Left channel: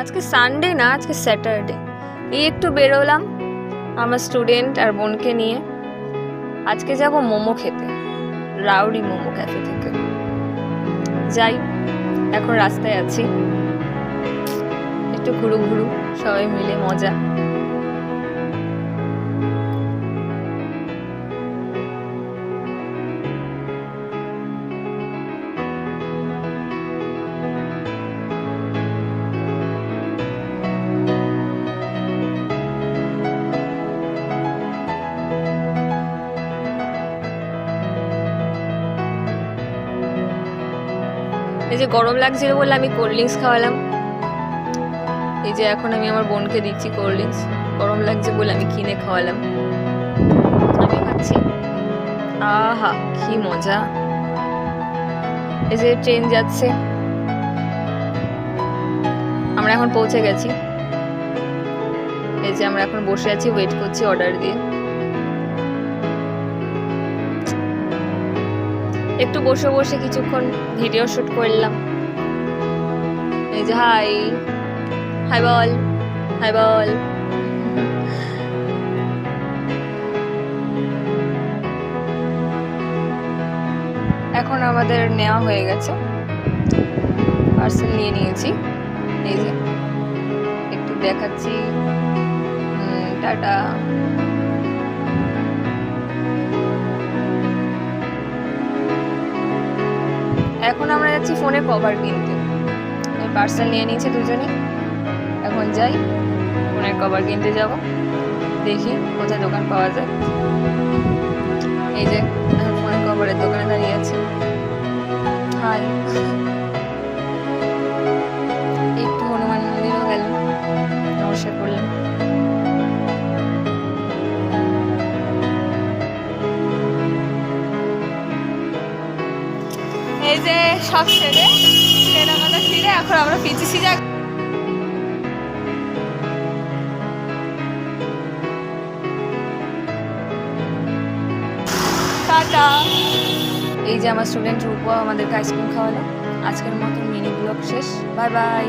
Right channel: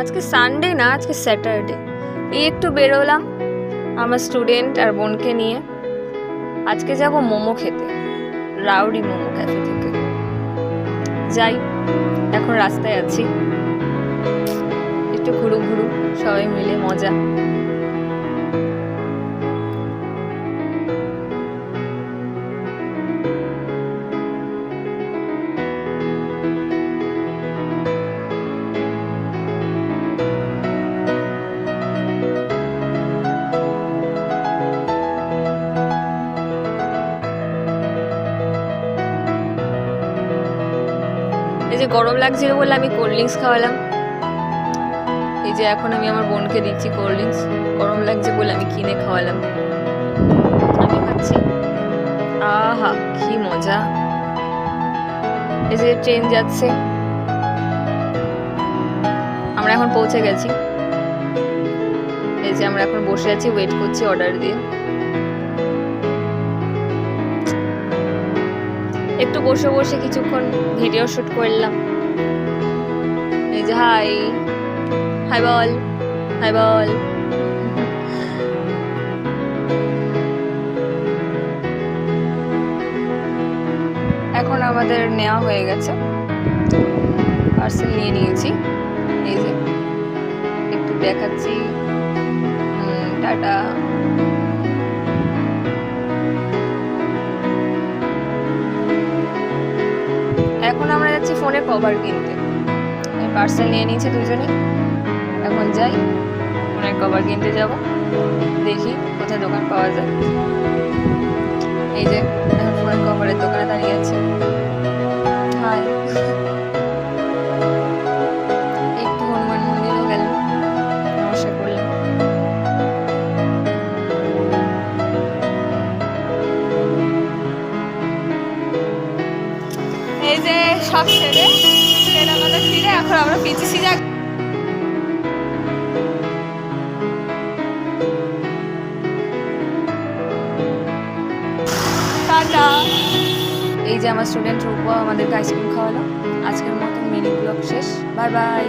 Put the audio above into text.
আজকে সানডে না, আজকে স্যাটারডে। এই একটু বেরোলাম আমার স্টুডেন্ট আর বোনকে নিয়ে। আজকে যাব মোমো খেতে, রাউডি মোমো ক্যাফে থেকে। যাই, এখন রাস্তায় আছি, একটু ঘুরু ঘুরু, সবাই মিলে মজা। এই যে গরম লাগছিল বলে আমি কোল্ড ড্রিঙ্কস খাওয়ালাম। এই যে এখন আমি আমার বোনকে দিচ্ছি কোল্ড ড্রিঙ্কস, গরম লাগছে বলে আমি কিনে খাওয়ালাম। আমিও খাচ্ছি। আহা কি মজা। এই যে ট্রেন যাচ্ছে, আমরা এখন পৌঁছে গেছি। এই যে আমরা এখন বসে আছি, ওয়েট করছি অর্ডার দিয়ে। একটু বসে বসে কিছুক্ষণ ভিডিও শুট করলাম। এই যে হাই হাই বল, হাই বল। এখন আমাদের নেওয়া হয়ে গেছে, পার্সেল নিয়ে নিয়েছি। এই যে একটু দেখাচ্ছি, টাটা। এখন আমরা যাচ্ছি ফোনের কভার কিনতে। এই পার্সেল নিয়ে নিয়েছে দুজনেই, এখন যাই ফোনের কভার কিনতে যাব। দেখি কোথায় দোকান পাওয়া যায়। এই যে এখন ফোনের কভারের দোকানে দাঁড়িয়ে আছে। হাই। একটু হনুমান মন্দিরও গেলাম, নমস্কার করলাম। এই যে সব ছেড়ে কেনাকাটা ফিরে এখন আমরা পিছিয়ে যাক। টাটা। এই যে আমার স্টুডেন্ট রূপা আমাদেরকে আইসক্রিম খাওয়ালো। আজকের মতো মিনি ব্লগ শেষ, বাই বাই।